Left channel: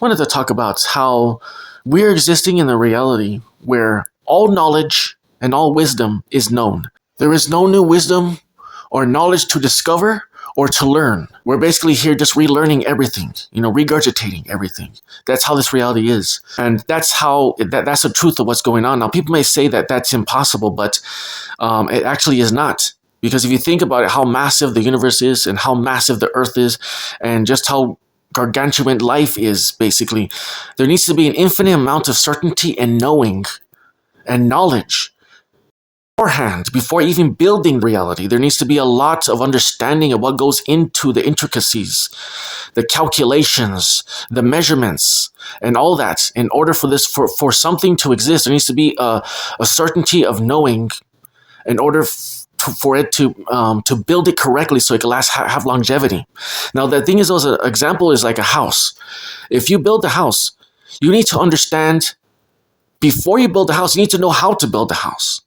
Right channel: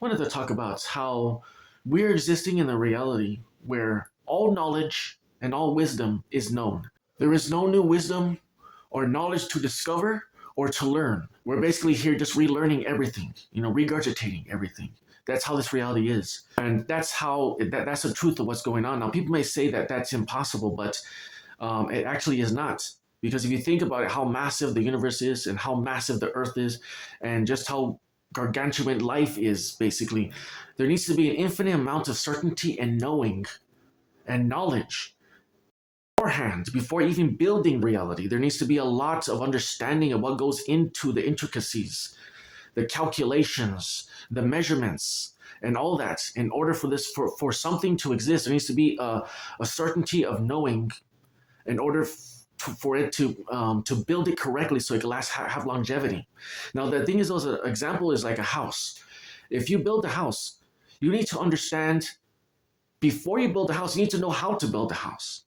wanted to talk about how we're existing in a reality where all knowledge and all wisdom is known. There is no new wisdom or knowledge to discover or to learn. We're basically here just relearning everything, regurgitating everything. That's how this reality is. And that's the truth of what's going on. Now, people may say that that's impossible, but it actually is not. Because if you think about it, how massive the universe is and how massive the earth is and just how gargantuan life is, basically, there needs to be an infinite amount of certainty and knowing and knowledge beforehand, before even building reality. There needs to be a lot of understanding of what goes into the intricacies, the calculations, the measurements, and all that. In order for for something to exist, there needs to be a certainty of knowing in order for it to build it correctly so it can have longevity. Now, the thing is, as an example is like a house. If you build a house, you need to understand, before you build the house, you need to know how to build the house.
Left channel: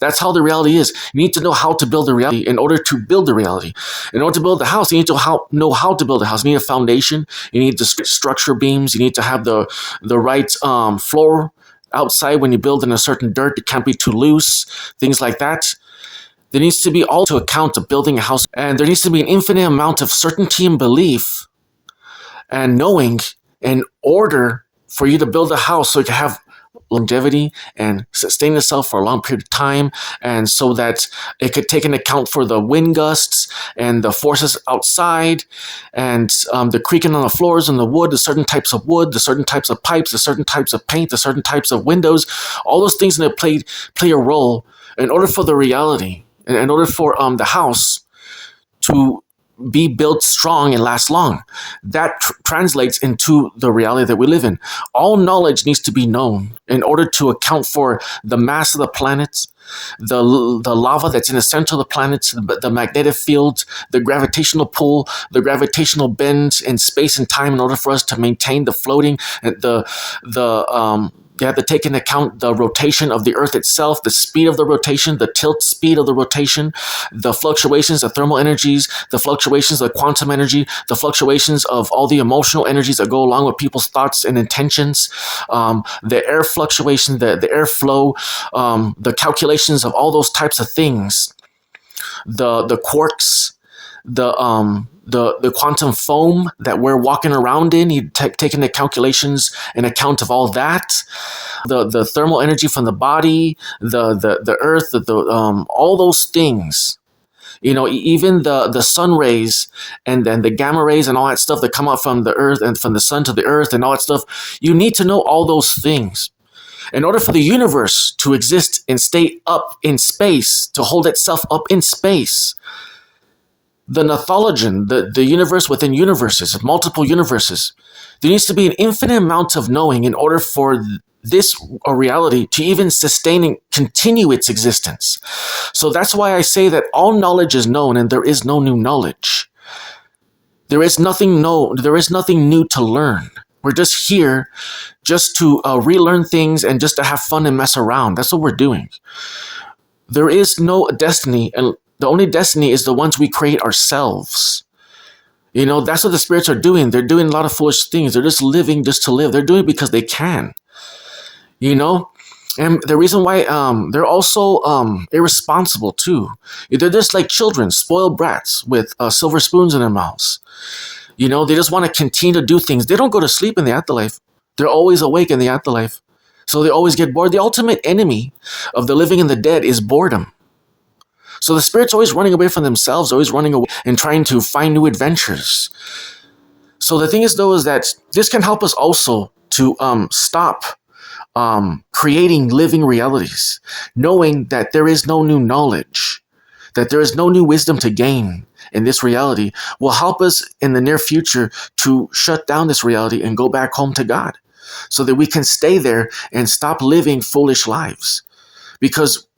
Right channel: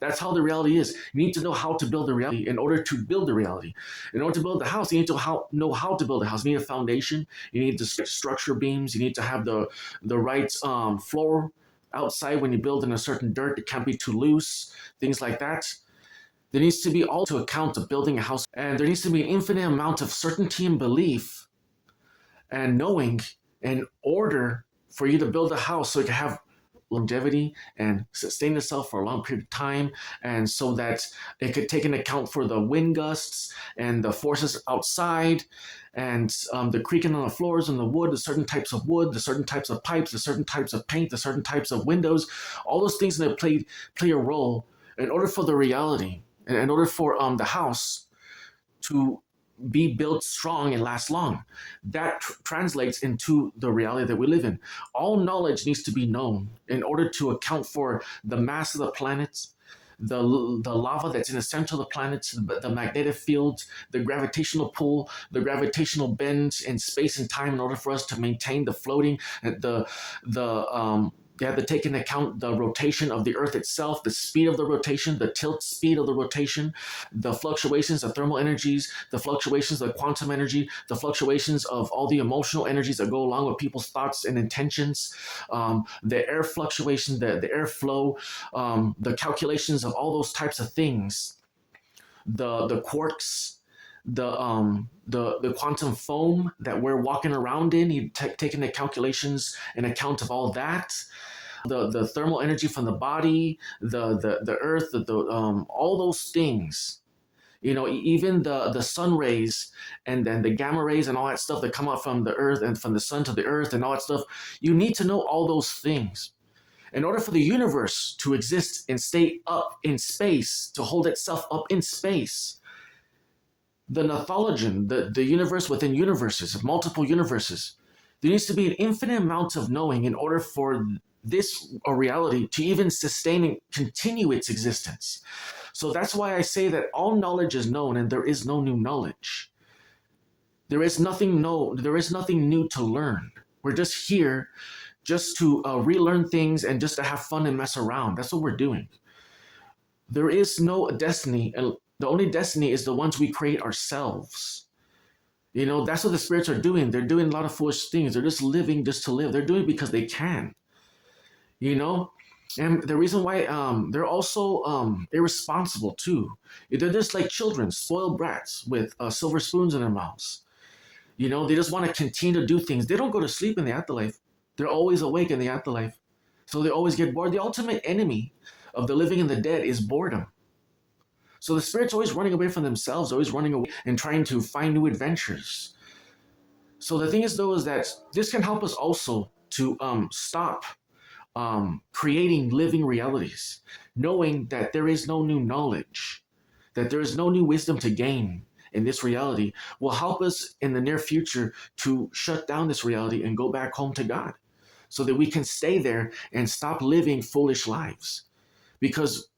That's how the reality is. You need to know how to build the reality in order to build the reality. In order to build the house, you need to know how to build a house. You need a foundation. You need the structure beams. You need to have the right floor outside when you build in a certain dirt. It can't be too loose, things like that. There needs to be all to account of building a house. And there needs to be an infinite amount of certainty and belief and knowing in order for you to build a house so it can have longevity and sustain itself for a long period of time, and so that it could take into account for the wind gusts and the forces outside and the creaking on the floors and the wood, the certain types of wood, the certain types of pipes, the certain types of paint, the certain types of windows, all those things that play a role in order for the reality, in order for the house to be built strong and last long. That translates into the reality that we live in. All knowledge needs to be known in order to account for the mass of the planets, the lava that's in the center of the planets, the magnetic field, the gravitational pull, the gravitational bend in space and time in order for us to maintain the floating and you have to take into account the rotation of the Earth itself, the speed of the rotation, the tilt speed of the rotation, the fluctuations of thermal energies, the fluctuations of quantum energy, the fluctuations of all the emotional energies that go along with people's thoughts and intentions, the air fluctuation, the air flow, the calculations of all those types of things, the quarks, the quantum foam that we're walking around in. You take into calculations and account of all that, the thermal energy from the body, the earth, all those things. Even the sun rays and then the gamma rays and all that stuff that come out from the earth and from the sun to the earth and all that stuff. You need to know all those things in order for the universe to exist and stay up in space, to hold itself up in space. The Nathologian, the universe within universes, multiple universes. There needs to be an infinite amount of knowing in order for this reality to even sustain and continue its existence. So that's why I say that all knowledge is known and there is no new knowledge. There is nothing new to learn. We're just here just to relearn things and just to have fun and mess around. That's what we're doing. There is no destiny, and the only destiny is the ones we create ourselves. That's what the spirits are doing. They're doing a lot of foolish things. They're just living just to live. They're doing it because they can. And the reason why they're also irresponsible too. They're just like children, spoiled brats with silver spoons in their mouths. They just want to continue to do things. They don't go to sleep in the afterlife. They're always awake in the afterlife. So they always get bored. The ultimate enemy of the living and the dead is boredom. So the spirit's always running away from themselves, always running away and trying to find new adventures. So the thing is, though, is that this can help us also to stop creating living realities, knowing that there is no new knowledge, that there is no new wisdom to gain in this reality will help us in the near future to shut down this reality and go back home to God so that we can stay there and stop living foolish lives. Because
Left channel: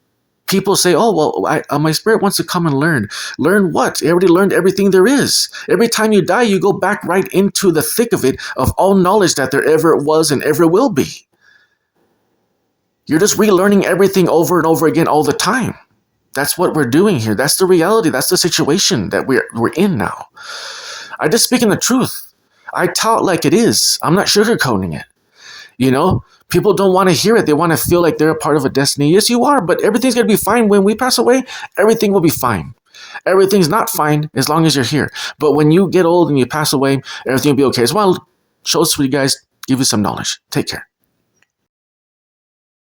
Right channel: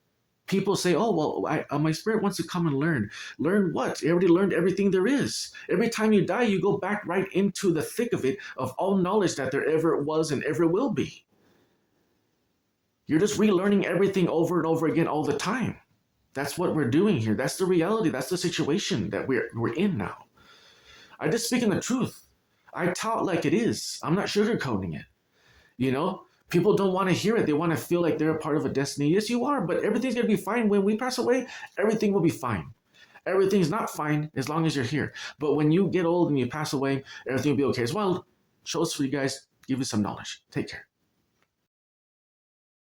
people say, oh, well, my spirit wants to come and learn. Learn what? I already learned everything there is. Every time you die, you go back right into the thick of it, of all knowledge that there ever was and ever will be. You're just relearning everything over and over again all the time. That's what we're doing here. That's the reality. That's the situation that we're in now. I'm just speaking the truth. I tout like it is. I'm not sugarcoating it. You know, people don't want to hear it. They want to feel like they're a part of a destiny. Yes, you are, but everything's going to be fine. When we pass away, everything will be fine. Everything's not fine as long as you're here. But when you get old and you pass away, everything will be okay. As well, shows for you guys, give you some knowledge. Take care.